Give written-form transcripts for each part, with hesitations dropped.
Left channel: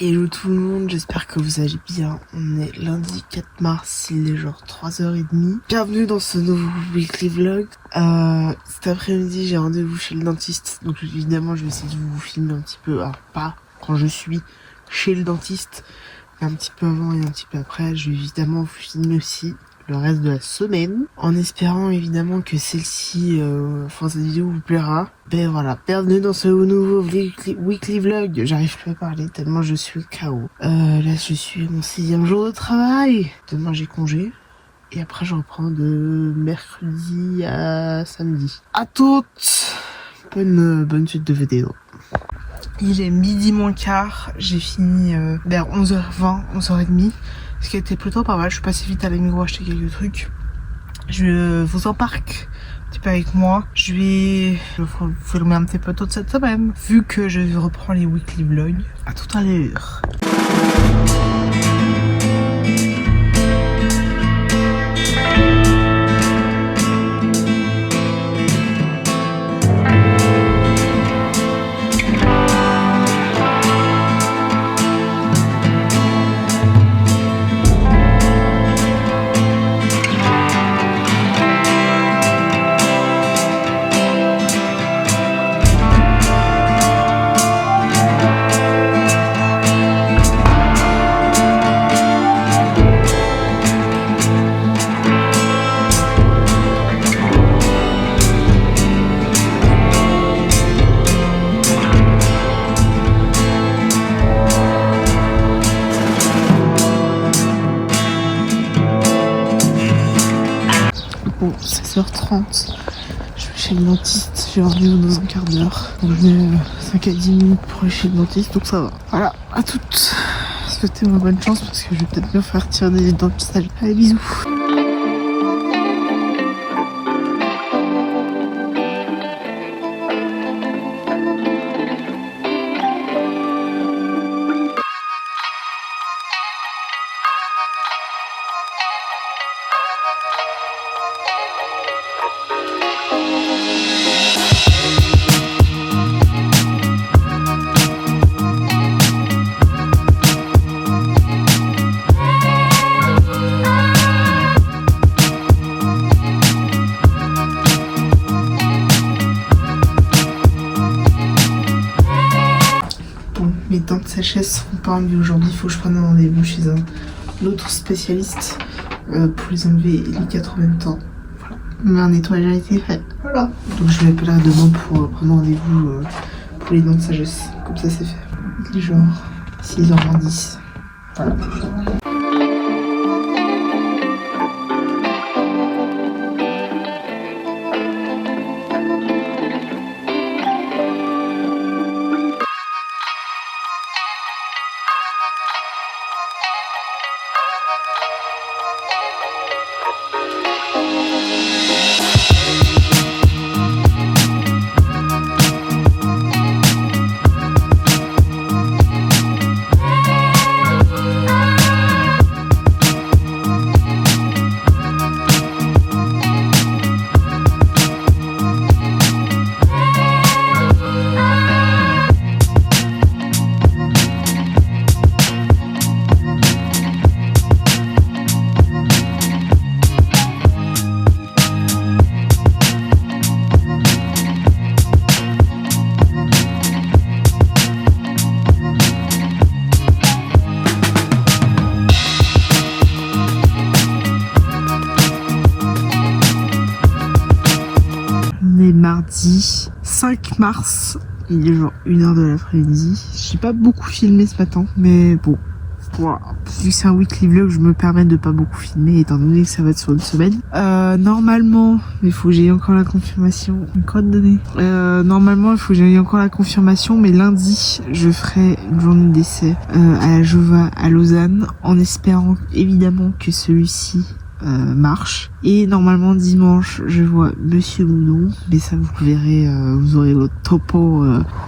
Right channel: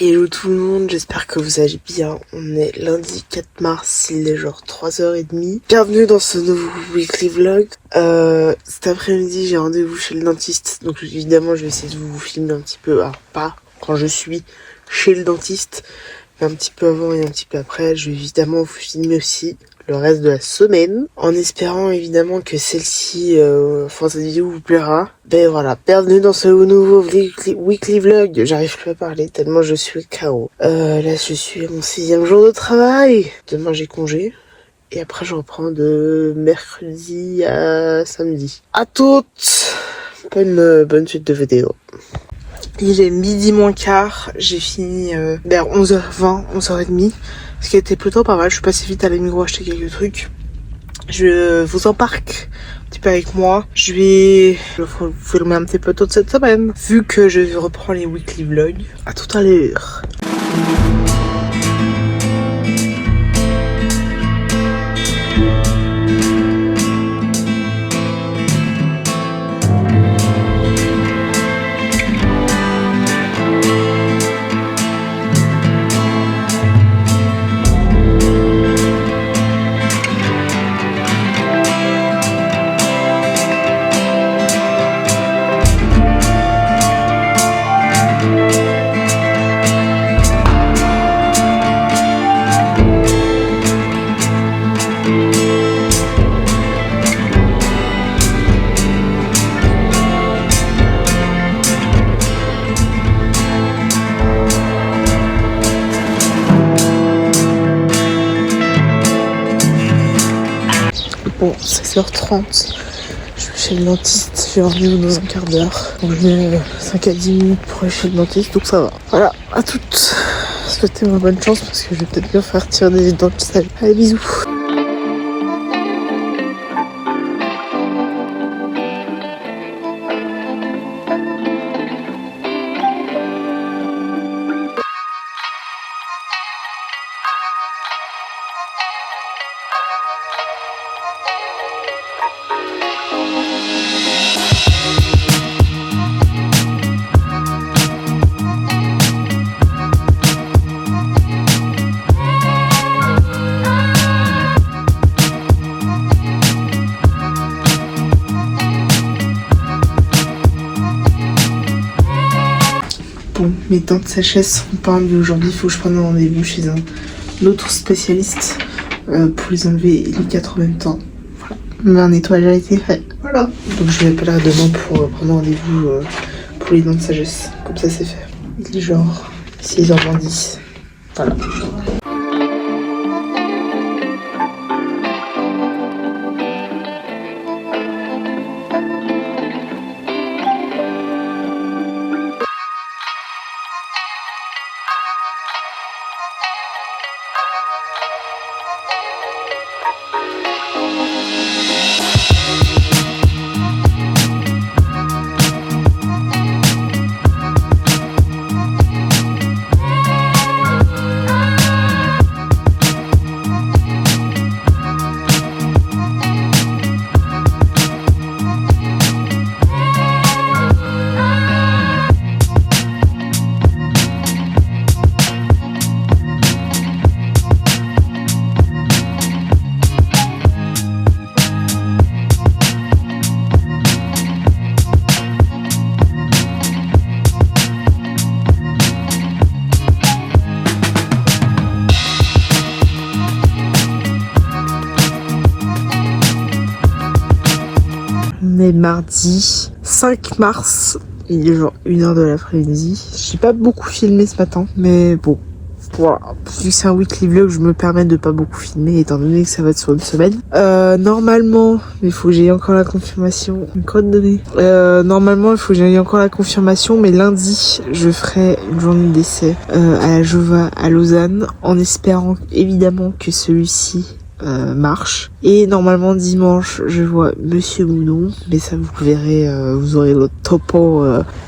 Hello tout le monde, j'espère que vous allez bien. On est lundi 4 mars, il est genre 3h30. Bienvenue dans ce nouveau weekly vlog. Cet après-midi, j'ai rendez-vous chez le dentiste. Donc évidemment, je vais essayer de vous filmer un petit peu. Alors pas quand je suis chez le dentiste, mais un petit peu avant et un petit peu après. Je vais évidemment vous filmer aussi le reste de la semaine, en espérant évidemment que celle-ci, cette vidéo vous plaira. Ben voilà, bienvenue dans ce nouveau weekly vlog. J'arrive plus à parler tellement je suis KO. Là je suis à mon 6e jour de travail. Demain j'ai congé. Et après je reprends de mercredi à samedi. À toutes. Bonne suite de vidéos. Il est midi moins quart, j'ai fini vers 11h20, 11h30. Ce qui a été plutôt pas mal, je suis passée vite à la Migros acheter quelques trucs. Je vous embarque un petit peu avec moi. Je vais vous filmer un petit peu toute cette semaine, vu que je reprends les weekly vlogs. À tout à l'heure. Bon, 16h30, je suis chez le dentiste, j'ai rendez-vous dans un quart d'heure. Donc je mets 5 à 10 minutes pour aller chez le dentiste, donc ça va. Voilà, à toutes. Souhaitez-moi bonne chance parce que je vais peut-être bien faire tirer des dents de sale. Allez, bisous. Bon, mes dents de sagesse sont pas enlevées aujourd'hui, il faut que je prenne un rendez-vous chez un autre spécialiste pour les enlever les 4 en même temps. Voilà, mais un nettoyage a été fait. Voilà. Donc je l'appellerai demain pour prendre rendez-vous pour les dents de sagesse. Comme ça c'est fait. Il est genre 6h10. Voilà. Mardi 5 mars, il est genre 1h de l'après-midi. J'ai pas beaucoup filmé ce matin, mais bon, voilà. Vu que c'est un weekly vlog, je me permets de pas beaucoup filmer étant donné que ça va être sur une semaine. Normalement, mais il faut que j'aie encore la confirmation. Une code donnée. Normalement, il faut que j'aie encore la confirmation, mais lundi, je ferai une journée d'essai à la Jova à Lausanne, en espérant évidemment que celui-ci marche. Et normalement dimanche je vois Monsieur Moudon, mais ça vous verrez, vous aurez votre topo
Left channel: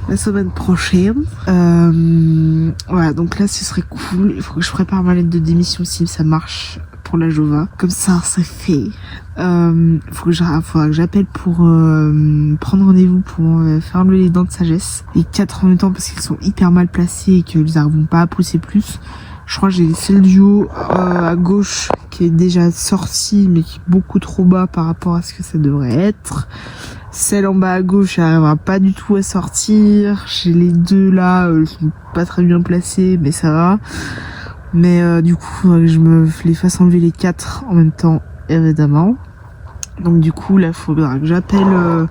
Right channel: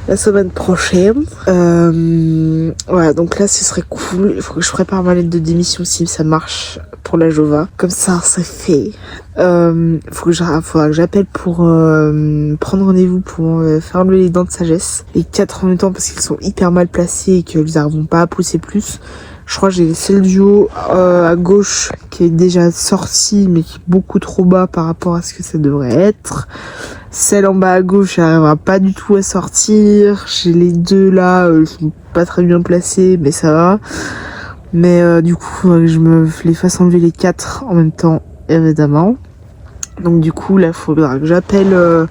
la semaine prochaine. Voilà, donc là ce serait cool. Il faut que je prépare ma lettre de démission si ça marche pour la Jova. Comme ça c'est fait. Faudra que j'appelle pour prendre rendez-vous pour faire enlever les dents de sagesse. Les 4 en même temps parce qu'elles sont hyper mal placées et qu'elles n'arriveront pas à pousser plus. Je crois que j'ai celle du haut à gauche qui est déjà sortie mais qui est beaucoup trop bas par rapport à ce que ça devrait être. Celle en bas à gauche elle n'arrivera pas du tout à sortir. J'ai les deux là, ils sont pas très bien placés mais ça va. Mais du coup faudrait que je me les fasse enlever les 4 en même temps évidemment. Donc du coup là il faudra que j'appelle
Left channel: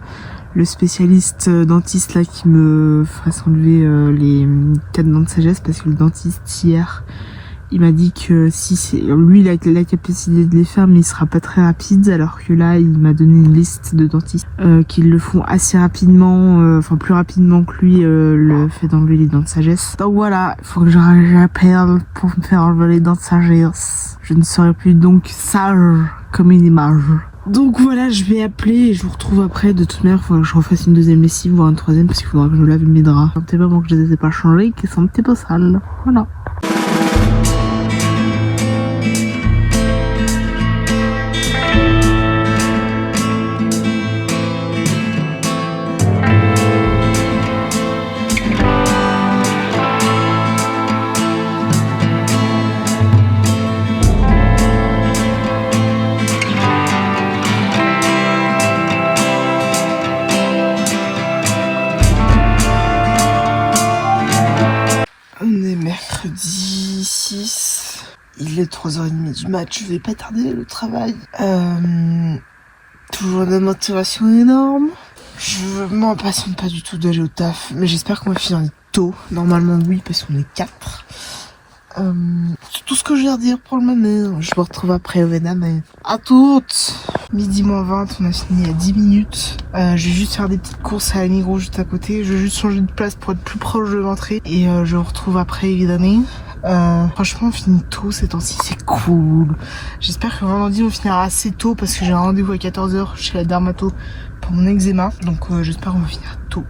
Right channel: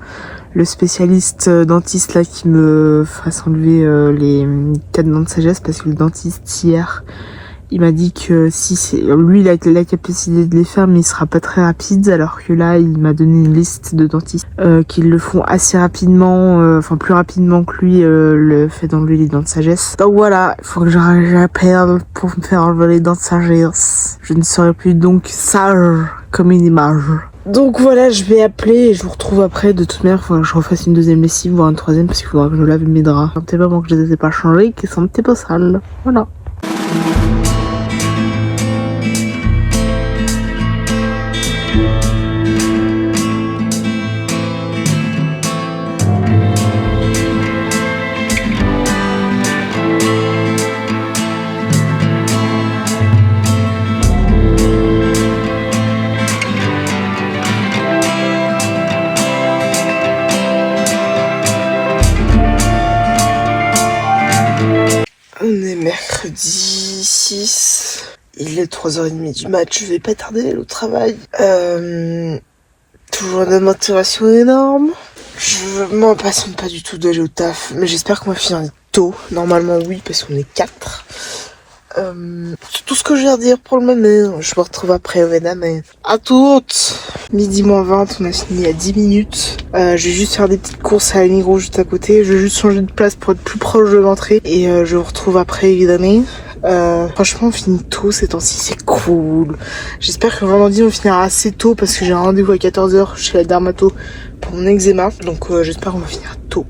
le spécialiste dentiste là qui me fasse enlever les 4 dents de sagesse parce que le dentiste hier il m'a dit que si c'est lui il a la capacité de les faire mais il sera pas très rapide, alors que là il m'a donné une liste de dentistes qui le font assez rapidement, enfin plus rapidement que lui le fait d'enlever les dents de sagesse. Donc voilà, il faut que j'appelle pour me faire enlever les dents de sagesse. Je ne serai plus donc sage comme une image. Donc voilà, je vais appeler et je vous retrouve après. De toute manière, il faudra que je refasse une deuxième lessive, voire une troisième, parce qu'il faudra que je lave mes draps. Ça me fait pas bon que je les ai pas changés, qu'ils sont un petit peu sales. Voilà. On est mercredi 6. Il est 3h30 du match. Je vais pas tarder à aller au travail. Toujours une motivation énorme. Je m'impatiente pas du tout d'aller au taf. Mais j'espère qu'on va finir tôt. Normalement oui, parce qu'on est 4. C'est tout ce que j'ai à dire pour le moment. Je me retrouve après au Vénam. Mais à toutes. Midi moins 20, on a fini à 10 minutes. Je vais juste faire des petites courses à Migros juste à côté. Je vais juste changer de place pour être plus proche de l'entrée. Et je vous retrouve après évidemment. Franchement on finit tôt ces temps-ci, c'est cool. J'espère que vendredi on finira assez tôt parce que j'ai un rendez-vous à 14h chez la dermato pour mon eczéma. Donc j'espère qu'on va finir tôt.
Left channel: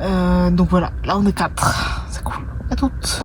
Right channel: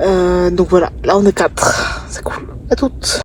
Donc voilà, là on est 4. C'est cool. À toutes.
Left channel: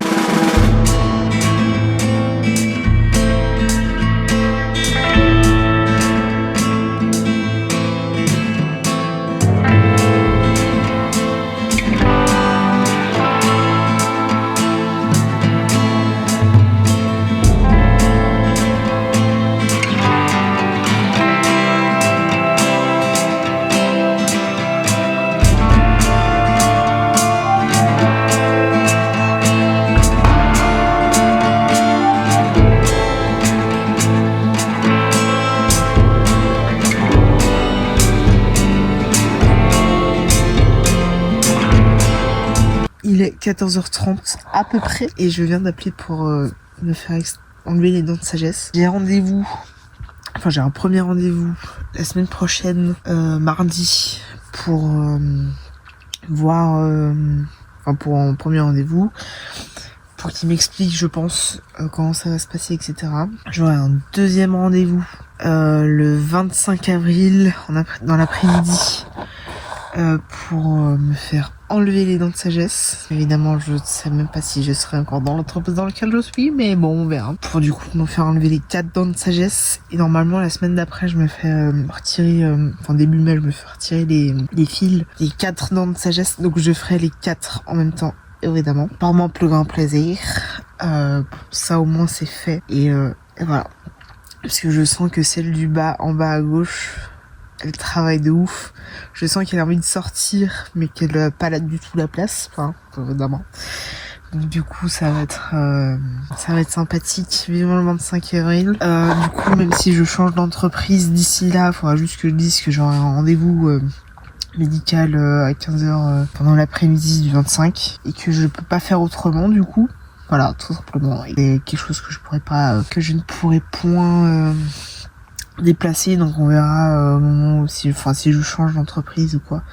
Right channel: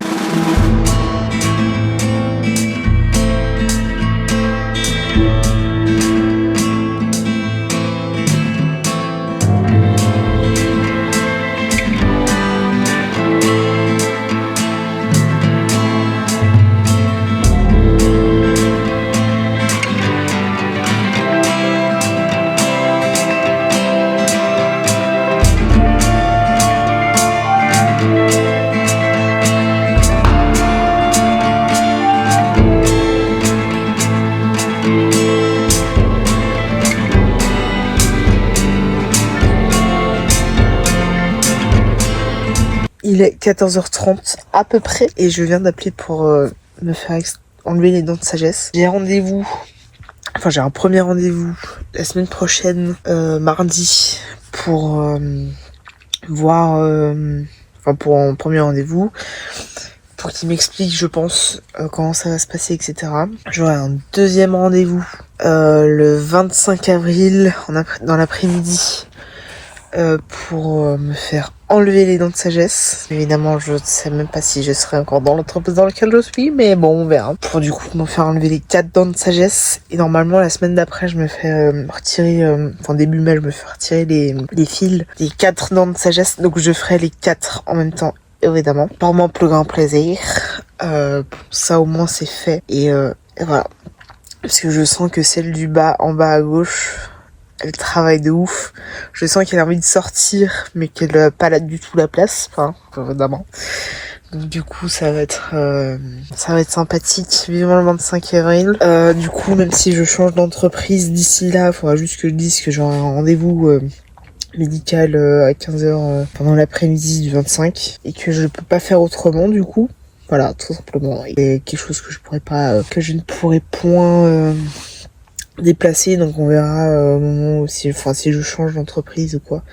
Il est 14h30 à peu près et je viens d'appeler pour me faire enlever les dents de sagesse. J'ai un premier rendez-vous la semaine prochaine, mardi, pour voir, pour un premier rendez-vous, pour qu'il m'explique, je pense, comment ça va se passer, etc. J'aurai un deuxième rendez-vous le 25 avril dans l'après-midi. Pour me faire enlever les dents de sagesse. Évidemment, je ne sais même pas si je serai encore dans l'entreprise dans laquelle je suis, mais bon, on verra. Pour du coup me faire enlever les 4 dents de sagesse. Et normalement, la semaine d'après, je me fais retirer, début mai, je me fais retirer les fils des 4 dents de sagesse. Donc je ferai les 4 en même temps, évidemment. Pour mon plus grand plaisir. Ça au moins c'est fait. Et voilà. Parce que je sens que celle du bas, en bas à gauche, elle travaille de ouf. Je sens qu'elle a envie de sortir, mais qu'elle n'a pas là du tout la place. Enfin, évidemment. Donc du coup, ça va être sympathique. Vivement le 25 avril. Du coup, même si je change d'entreprise d'ici là, il faudra juste que je dise que j'aurai un rendez-vous médical à 15h pendant l'après-midi du 25 et que je peux pas faire autrement du coup. Voilà, tout simplement. C'est quelque chose que je ne pourrai point déplacer, donc on verra au moment où si je change d'entreprise ou quoi.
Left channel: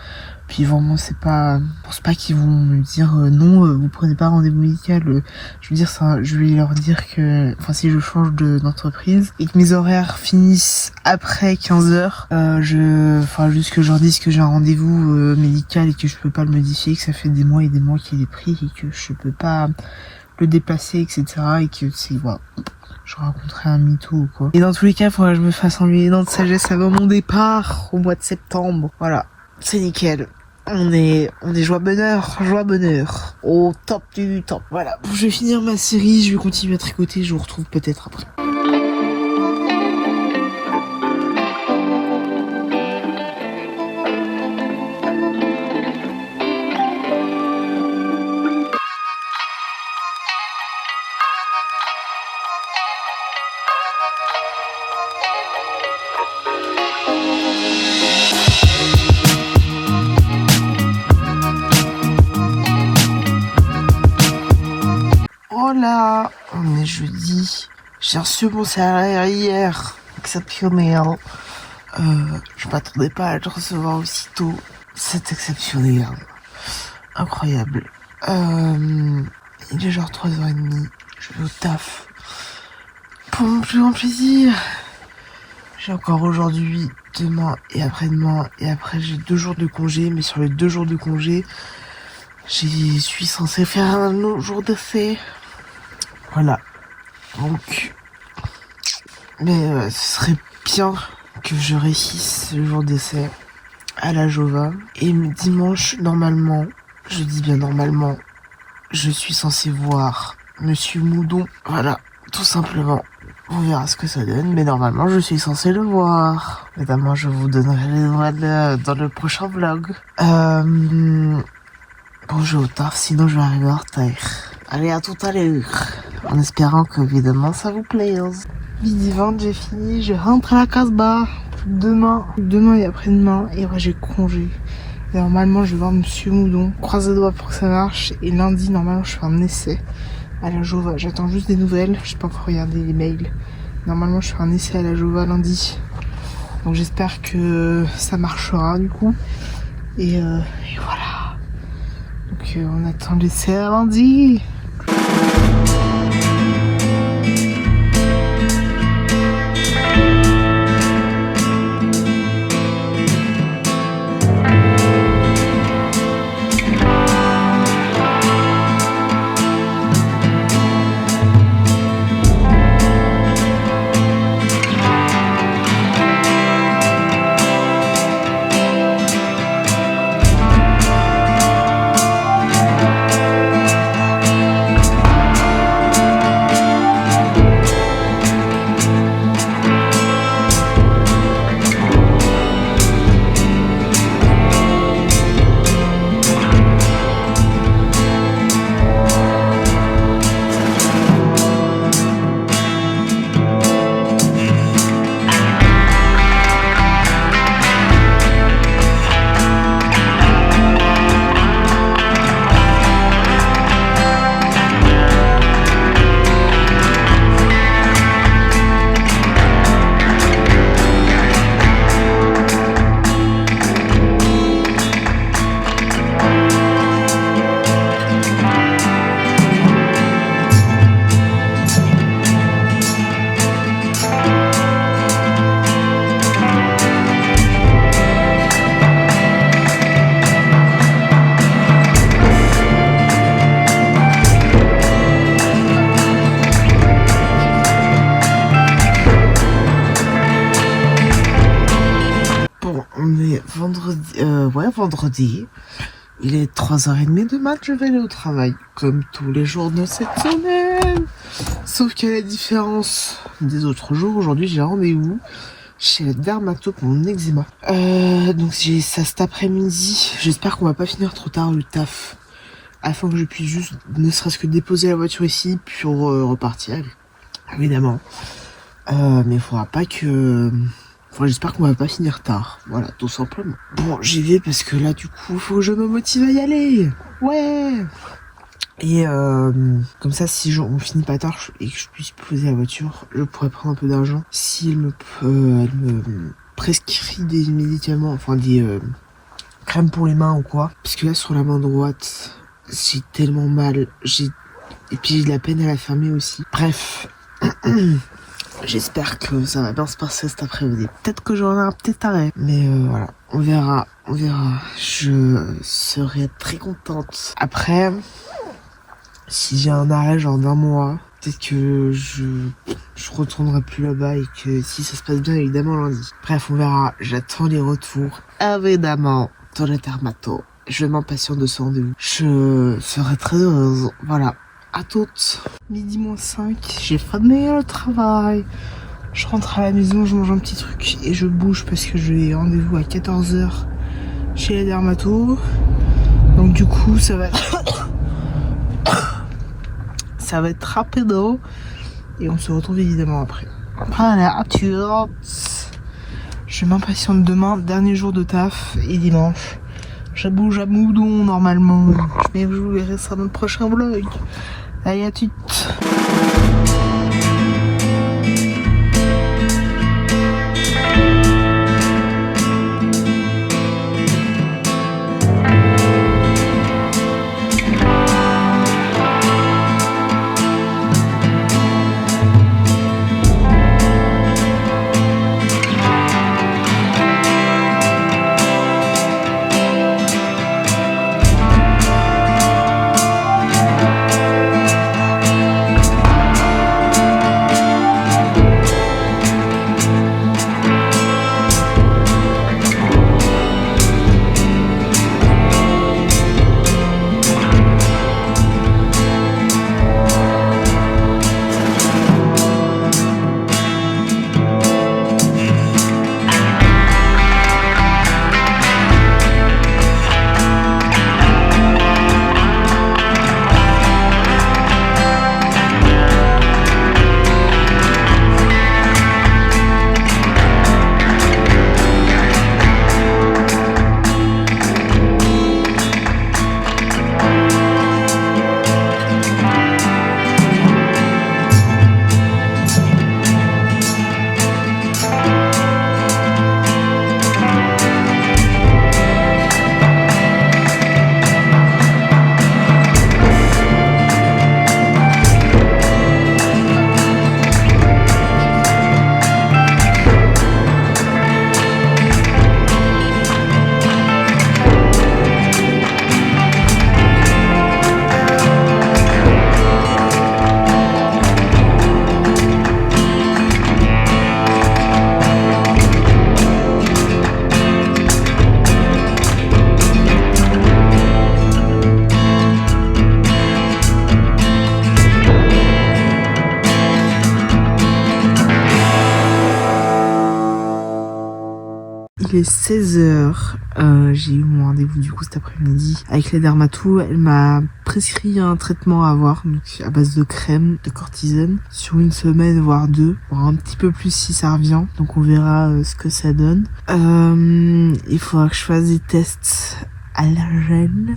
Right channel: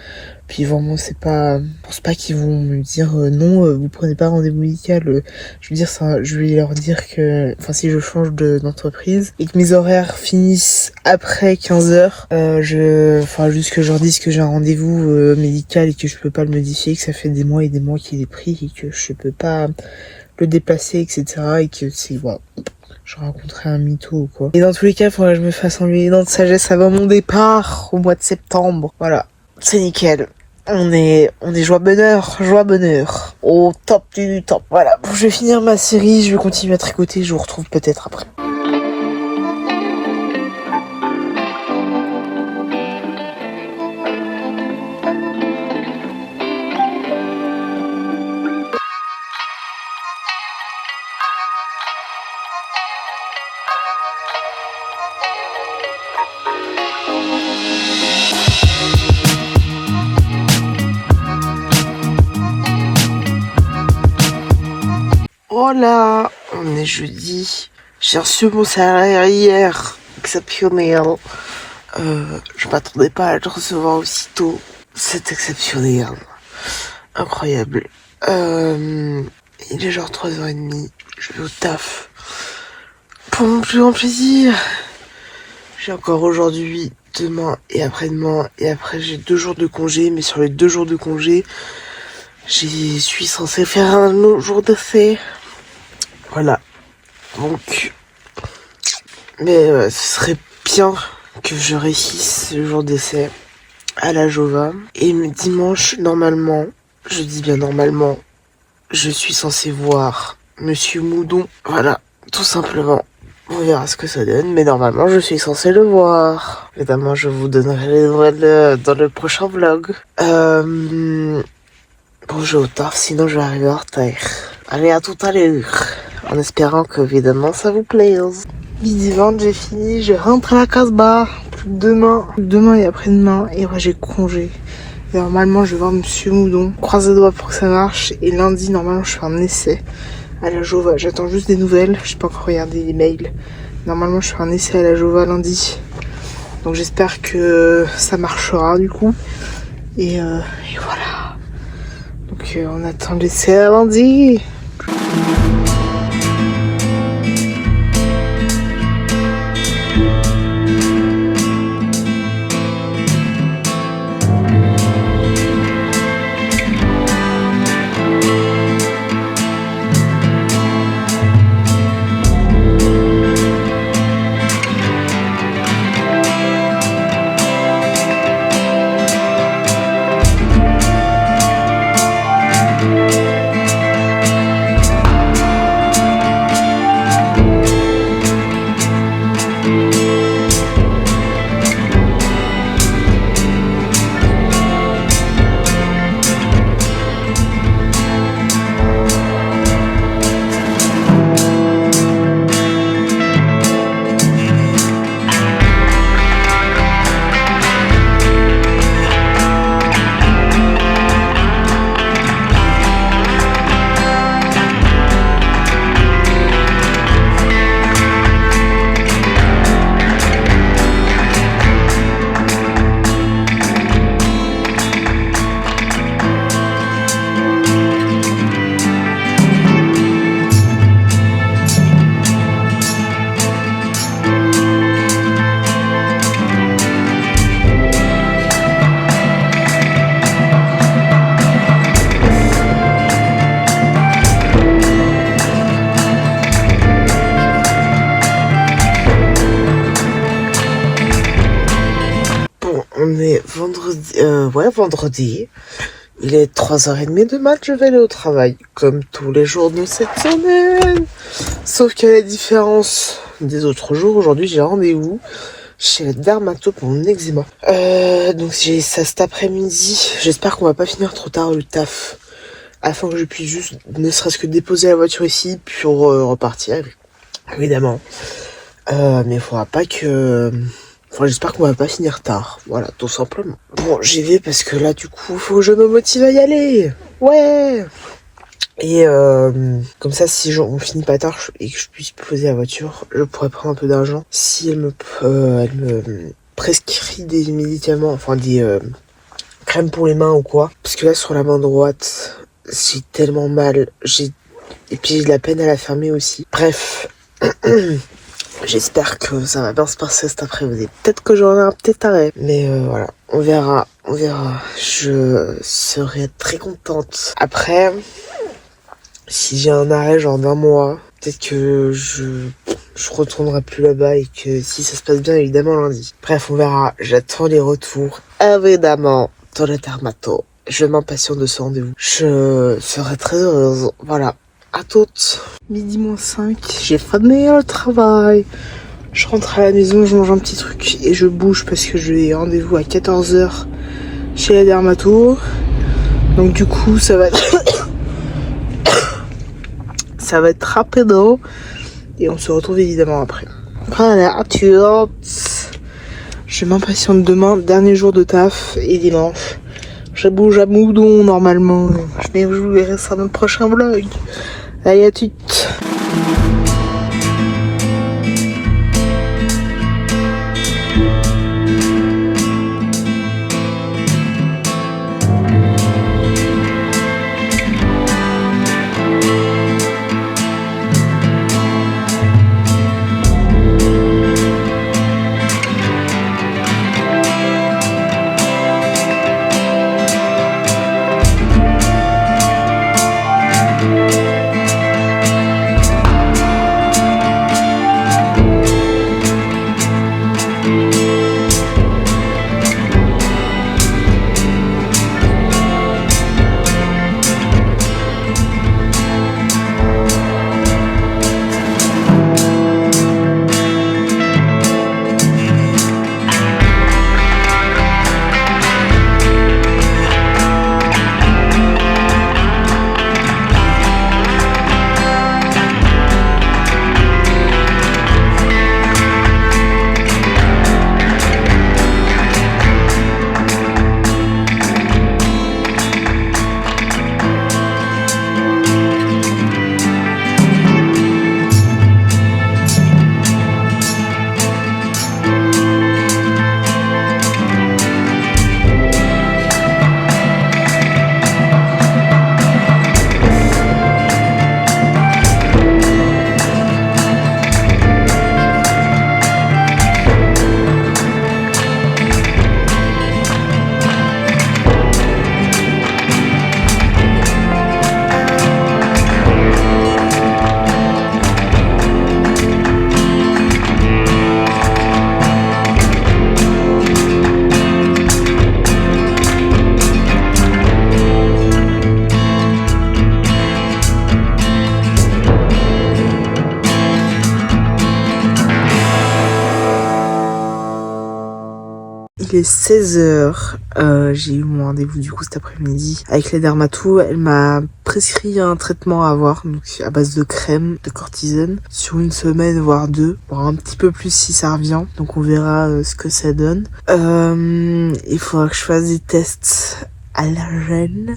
puis vraiment c'est pas, je pense pas qu'ils vont me dire non, vous prenez pas rendez-vous médical. Je veux dire ça, je vais leur dire que, enfin si je change d'entreprise et que mes horaires finissent après 15h, juste que je leur dise que j'ai un rendez-vous médical et que je peux pas le modifier, que ça fait des mois et des mois qu'il est pris et que je peux pas le déplacer, etc. Et que c'est, voilà, je rencontrais un mytho ou quoi. Et dans tous les cas, faudrait que je me fasse enlever les dents de sagesse avant mon départ au mois de septembre. Voilà, c'est nickel. On est joie bonheur, au top du top. Voilà, bon, je vais finir ma série, je vais continuer à tricoter, je vous retrouve peut-être après. Oh là, on est jeudi. J'ai reçu mon salaire hier. Exceptionnel. Je m'attendais pas à le recevoir aussitôt. C'est exceptionnel. Incroyable. Il est genre 3h30. Je vais au taf. Pour mon plus grand plaisir. J'ai encore aujourd'hui, demain et après-demain. Et après j'ai 2 jours de congé. Mais sur les 2 jours de congé, je suis censée faire un autre jour d'essai. Voilà. Donc, mais ce serait bien que je réussisse le jour d'essai à la Jova. Et dimanche, normalement, je dis bien normalement, je suis censé voir Monsieur Moudon. Voilà, tout simplement. On verra ce que ça donne, mais normalement, je suis censé le voir. Évidemment, je vous donnerai les nouvelles dans le prochain vlog. Bon, je vais au taf, sinon je vais arriver en retard. Allez, à tout à l'heure. En espérant que, évidemment, ça vous plaise. Midi 20, j'ai fini, je rentre à la Casbah. Demain et après-demain, et après j'ai congé. Et normalement, je vais voir Monsieur Moudon. Croise les doigts pour que ça marche. Et lundi, normalement, je fais un essai à la Jova. J'attends juste des nouvelles. Je n'ai pas encore regardé les mails. Normalement, je fais un essai à la Jova lundi. Donc j'espère que ça marchera, du coup. Et voilà. Donc on attend l'essai à lundi. On est vendredi. Il est 3h30 de mat, je vais aller au travail. Comme tous les jours de cette semaine. Sauf qu'à la différence des autres jours, aujourd'hui j'ai rendez-vous chez le dermato pour mon eczéma. Donc j'ai ça cet après-midi. J'espère qu'on va pas finir trop tard le taf. Afin que je puisse juste, ne serait-ce que déposer la voiture ici, pour repartir. Évidemment. Mais il faudra pas que... Enfin, j'espère qu'on va pas finir tard. Voilà, tout simplement. Bon, j'y vais parce que là, du coup, faut que je me motive à y aller. Ouais. Et comme ça, si on finit pas tard et que je puisse poser la voiture, je pourrais prendre un peu d'argent. Si elle me prescrit des médicaments, enfin des crème pour les mains ou quoi. Parce que là, sur la main droite, j'ai tellement mal. Et puis j'ai de la peine à la fermer aussi. Bref. J'espère que ça va bien se passer cet après-midi. Peut-être que j'aurai un petit arrêt. Mais voilà, on verra. Je serai très contente. Après, si j'ai un arrêt genre d'un mois, peut-être que je retournerai plus là-bas et que si ça se passe bien, évidemment lundi. Bref, on verra. J'attends les retours. Évidemment, dans le dermato. Je m'impatiente de ce rendez-vous. Je serai très heureuse. Voilà. À toutes. Midi moins 5, j'ai fini le travail. Je rentre à la maison, je mange un petit truc et je bouge parce que j'ai rendez-vous à 14h chez la dermato. Donc du coup, ça va être ça va être rapido et on se retrouve évidemment après. Voilà, à toutes. Je m'impatiente demain, dernier jour de taf et dimanche. Je bouge à Moudon normalement. Je vous verrai ça dans le prochain vlog. Allez, à toutes. Il est 16h, j'ai eu mon rendez-vous du coup cet après-midi avec la dermato. Elle m'a prescrit un traitement à avoir, donc à base de crème, de cortisone, sur une semaine voire deux, voire un petit peu plus si ça revient, donc on verra ce que ça donne. Il faudra que je fasse des tests allergènes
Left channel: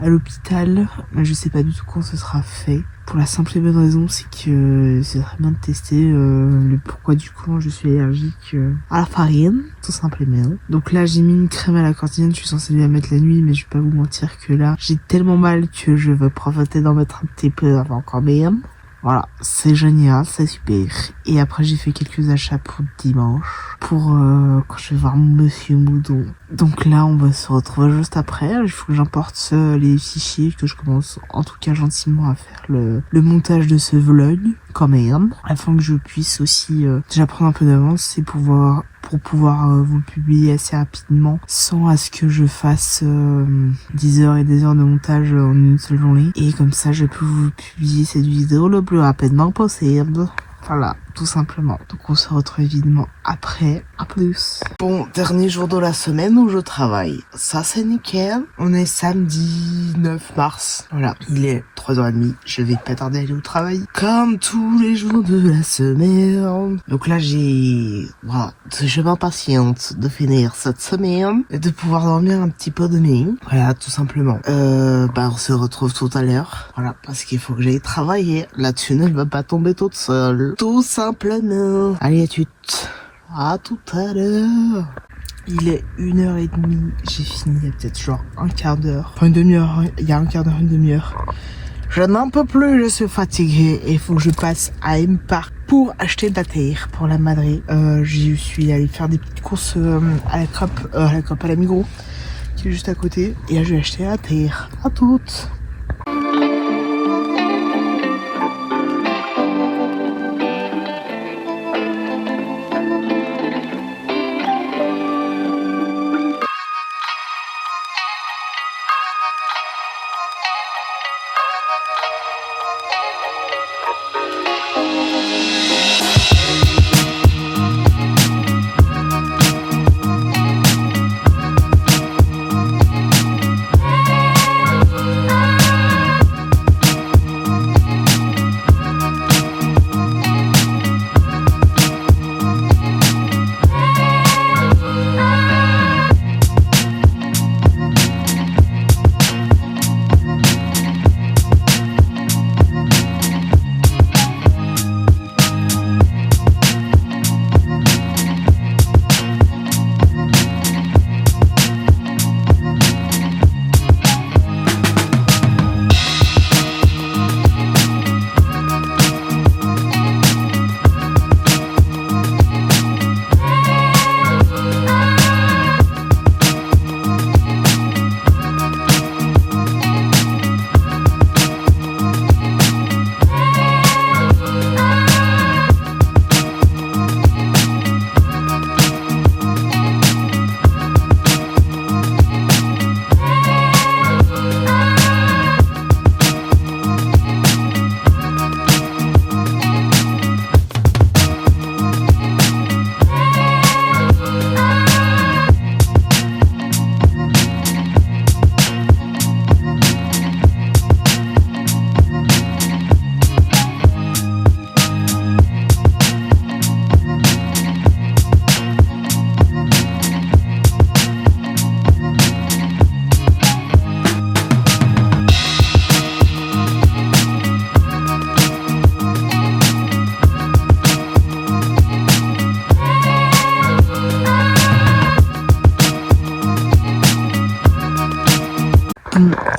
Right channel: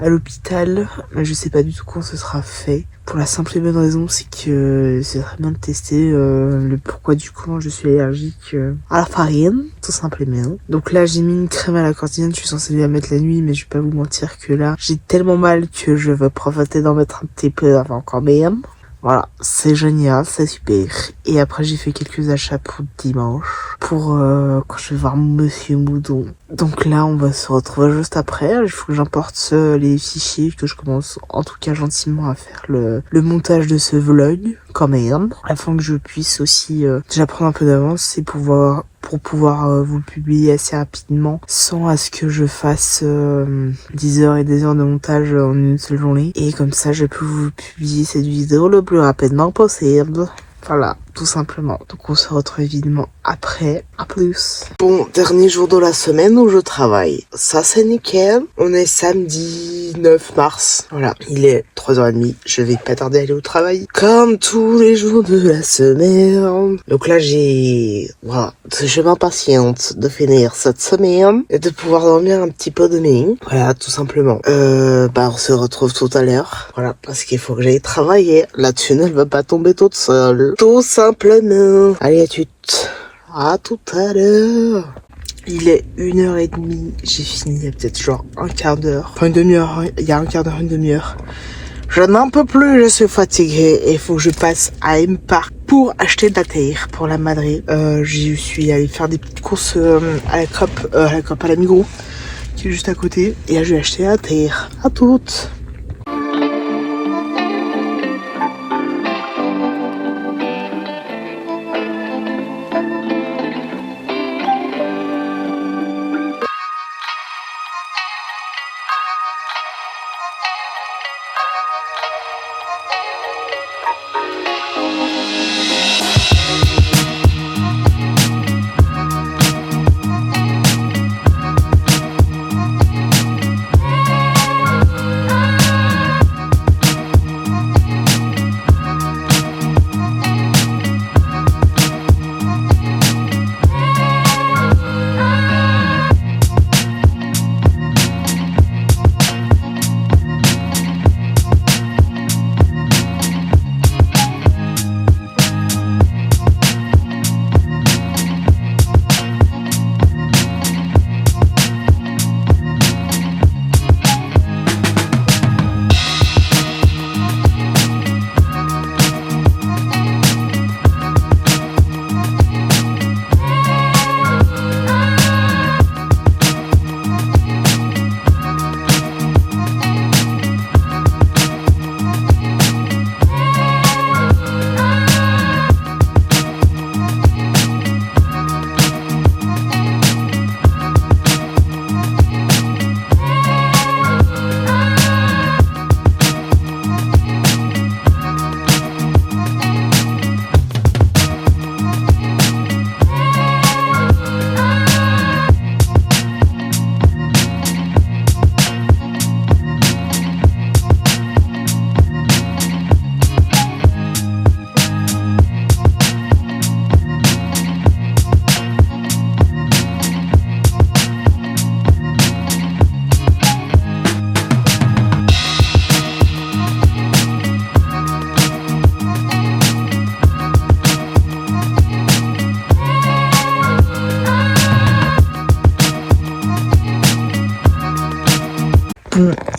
à l'hôpital, mais je sais pas du tout quand ce sera fait. Pour la simple et bonne raison, c'est que c'est très bien de tester le pourquoi du comment je suis allergique à la farine, tout simplement. Donc là, j'ai mis une crème à la cortisone, je suis censée la mettre la nuit, mais je vais pas vous mentir que là, j'ai tellement mal que je vais profiter d'en mettre un petit peu avant quand même. Voilà, c'est génial, c'est super. Et après, j'ai fait quelques achats pour dimanche, pour quand je vais voir Monsieur Moudon. Donc là, on va se retrouver juste après. Il faut que j'importe les fichiers, que je commence en tout cas gentiment à faire le montage de ce vlog, quand même, afin que je puisse aussi déjà prendre un peu d'avance et pour pouvoir vous le publier assez rapidement, sans à ce que je fasse 10 heures et des heures de montage en une seule journée. Et comme ça, je peux vous publier cette vidéo le plus rapidement possible. Voilà, tout simplement. Donc on se retrouve évidemment après. À plus. Bon, dernier jour de la semaine où je travaille. Ça c'est nickel. On est samedi 9 mars. Voilà, il est 3h30. Je vais pas tarder à aller au travail. Comme tous les jours de la semaine. Donc là voilà, je m'impatiente de finir cette semaine et de pouvoir dormir un petit peu demain. Voilà, tout simplement. On se retrouve tout à l'heure. Voilà, parce qu'il faut que j'aille travailler. La thune, elle va pas tomber toute seule. Tout simplement. Allez, à tout à l'heure. Il est 1h30, j'ai fini il y a peut-être genre un quart d'heure, enfin une demi-heure, il y a un quart d'heure, une demi-heure. Je n'en peux plus, je suis fatiguée et il faut que je passe à M-Park pour acheter de la terre pour la Madrid. J'y suis allée faire des petites courses à la Coop, à la Migros, qui est juste à côté. Et là, je vais acheter la terre. À toutes.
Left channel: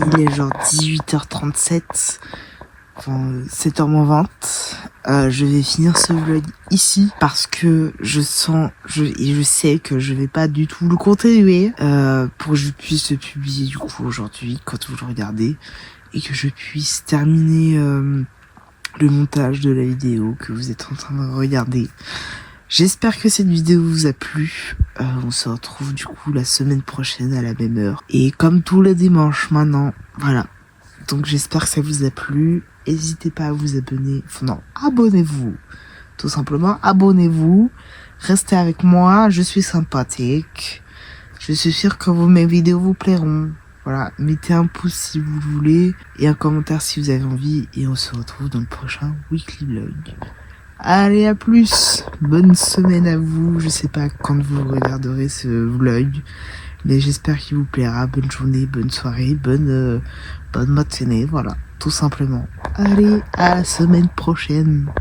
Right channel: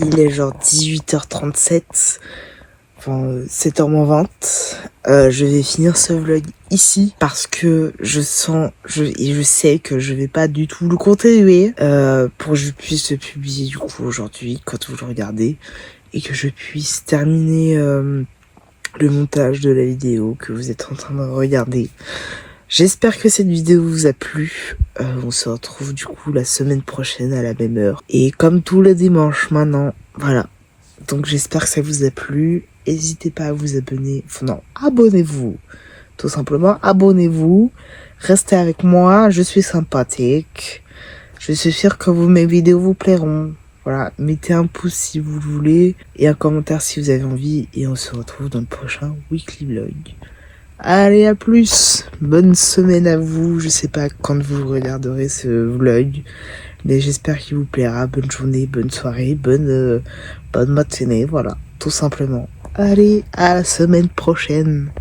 Il est genre 18h37, enfin 7h-20. Je vais finir ce vlog ici parce que je sais que je vais pas du tout le continuer pour que je puisse le publier du coup aujourd'hui quand vous le regardez et que je puisse terminer le montage de la vidéo que vous êtes en train de regarder. J'espère que cette vidéo vous a plu. On se retrouve du coup la semaine prochaine à la même heure. Et comme tous les dimanches maintenant, voilà. Donc j'espère que ça vous a plu. N'hésitez pas à vous abonner. Enfin non, abonnez-vous. Tout simplement, abonnez-vous. Restez avec moi, je suis sympathique. Je suis sûre que mes vidéos vous plairont. Voilà, mettez un pouce si vous le voulez. Et un commentaire si vous avez envie. Et on se retrouve dans le prochain weekly vlog. Allez, à plus. Bonne semaine à vous. Je sais pas quand vous regarderez ce vlog, mais j'espère qu'il vous plaira. Bonne journée, bonne soirée, bonne matinée. Voilà, tout simplement. Allez, à la semaine prochaine.